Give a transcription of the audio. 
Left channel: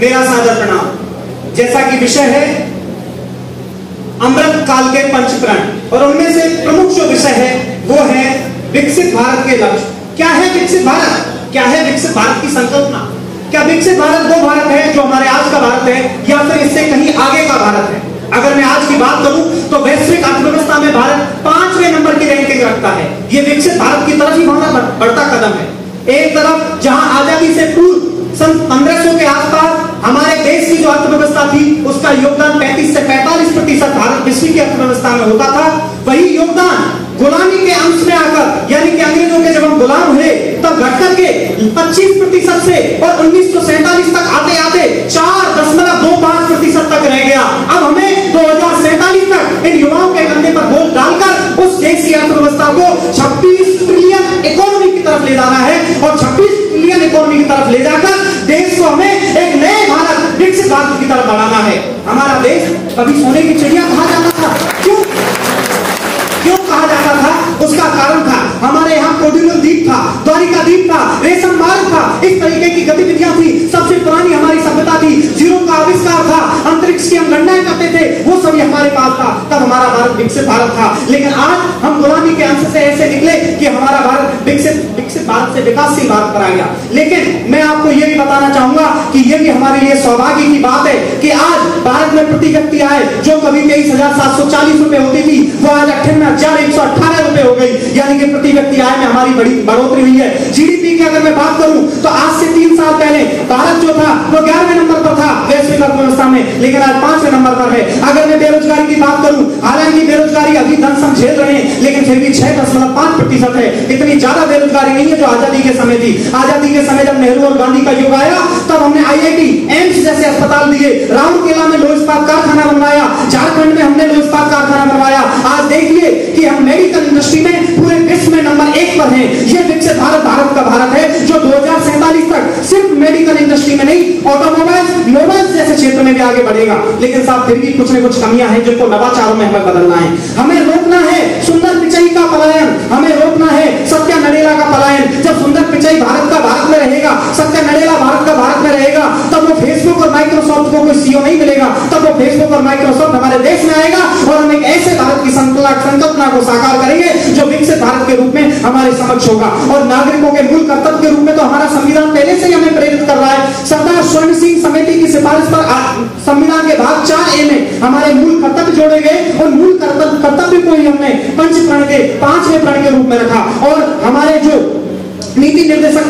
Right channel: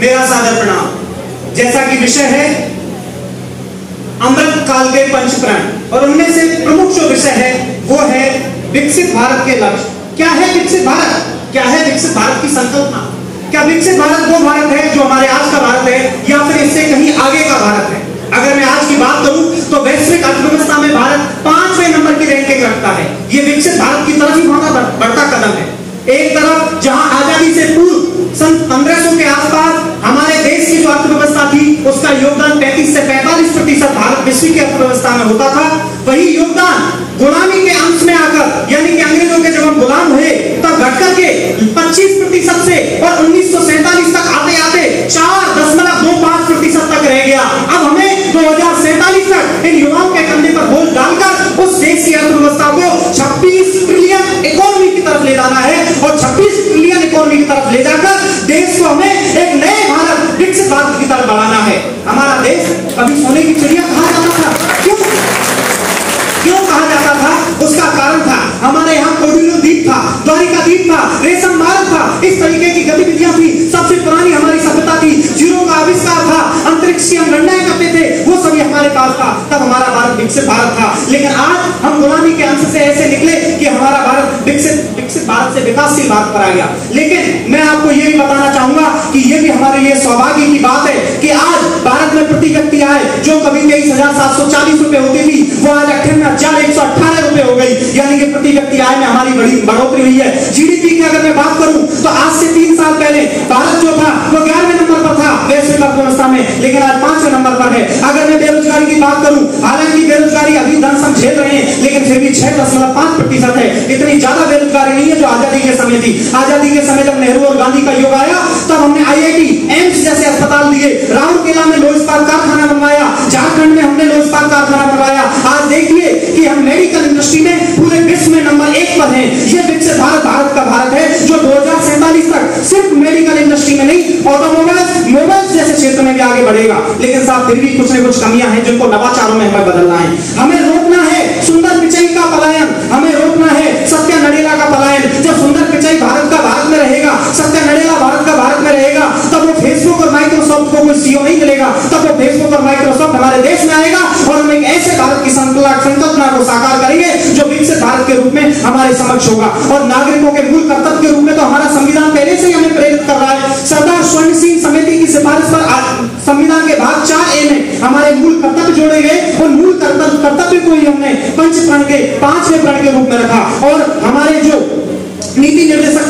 मेरा सादर प्रणाम। जैसा कि विषय है अमृत काल के पंचप्राण, और उनमें से प्रमुख जो विषय है वो है विकसित भारत के लक्ष्य। क्या है विकसित भारत? क्या है विकसित भारत की संकल्पना? क्या विकसित भारत वो भारत है जो हमारे आज का भारत है, या फिर इससे कहीं आगे का भारत है? अगर मैं आज की बात करूं तो वैश्विक अर्थव्यवस्था में भारत 5वें नंबर की रैंकिंग रखता है। यह विकसित भारत की तरफ ही हमारा बढ़ता कदम है। एक तरफ जहां आजादी से पूर्व सन 1500 के आसपास हमारे देश की जो अर्थव्यवस्था थी उसका योगदान 35 से 45% भारत विश्व की अर्थव्यवस्था में होता था, वही योगदान गुलामी के अंश में आकर, यानी कि अंग्रेजों के जब हम गुलाम हुए तब घटकर के 25% से और 1947 तक आते आते 4.25% तक रह गया। अब हमें 2047 तक इन युवाओं के कंधे पर बोझ डालकर उस देश की अर्थव्यवस्था को 26 ट्रिलियन इकोनॉमी की तरफ ले जाना है, और 26 ट्रिलियन इकोनॉमी की तरफ ले जाकर देश को हमें एक नए भारत, विकसित भारत की तरफ बढ़ाना है। हमारा देश कभी सोने की चिड़िया कहा जाता था। क्यों कहा जाता था? उसका कारण था हमारे यहाँ कोडिंगल द्वीप था, द्वारिका द्वीप था, रेशम मार्ग था, इस तरीके की गतिविधियां थी। सबसे पुरानी हमारी सभ्यता थी, जीरो का आविष्कार था, अंतरिक्ष की हम गणनाएं करते थे, वो सभी हमारे पास था। तब हमारा भारत विकसित भारत था। लेकिन आज हम गुलामी के अंश से ऐसे निकले कि हमारा भारत विकसित भारत से विकासशील भारत पर आ गया। लेकिन मैं आपको यह भी बताना चाहूंगा कि यह भी हमारे लिए सौभाग्य की बात है कि आज भारत में प्रति व्यक्ति आय जो कभी 23,740 रुपए होती थी वो आज 58,118 रुपए हो गई, यानी कि प्रति व्यक्ति आय में हमारी बड़ी बढ़ोतरी हुई है। जीडीपी की अगर मैं बात करूं तो आज से 3 साल पहले भारत जो था वो 11वें नंबर पर था वैश्विक अर्थव्यवस्था में, लेकिन आज 5वें नंबर पर है। अगर मैं बेरोजगारी की बात करूं, हालांकि बेरोजगारी अभी दम हम झेल रहे हैं, लेकिन फिर भी 6.5% है। इतनी ज्यादा बेरोजगारी नहीं है जो आजादी के समय थी। आजादी के समय जब नेहरू और गांधी का युग आया तब हमने आईआईटी, एम्स जैसे अस्पताल दिए, राउरकेला में लोह इस्पात कारखाना बनवाया, झारखंड में हमने लोह इस्पात कारखाना बनवाया। आज देखिए कि हम मेडिकल इंडस्ट्री में पूरे विश्व में नंबर 1 पर हैं। यह विकसित भारत भारत का भारत है जो 2047 तक सिर्फ मेडिकल इंडस्ट्री में नहीं, ऑटोमोबाइल, मोबाइल जैसे क्षेत्र में भी आगे बढ़ेगा। लेकिन साहब फिर भी कुछ न कुछ कमियां हैं जिनको नवाचारों में हमें बदलना है। हमें रोकना है सुंदर पिचाई का पलायन, हमें रोकना है सत्या नडेला का पलायन। जब सुंदर पिचाई भारत का भारत में रहेगा, सत्या नडेला भारत का भारत में रहेगा, तब वो फेसबुक और माइक्रोसॉफ्ट को कोई सीईओ नहीं मिलेगा। तब वो फेसबुक और माइक्रोसॉफ्ट हमारे देश में आएगा और हम एक ऐसे भारत की संकल्पना को साकार करेंगे जो विकसित भारत के रूप में हमारे समक्ष होगा। और नागरिकों के मूल कर्तव्य के रूप में तो हमारा संविधान पहले से ही हमें प्रेरित कर रहा है। सरदार स्वर्ण सिंह समिति की सिफारिश पर संविधान के भाग 4A में हमारे मूल कर्तव्य जोड़े गए। और मूल कर्तव्य को ही हमने पंच प्रण के 5वें प्रण के रूप में रखा। और हमारे जो नीति निर्देशक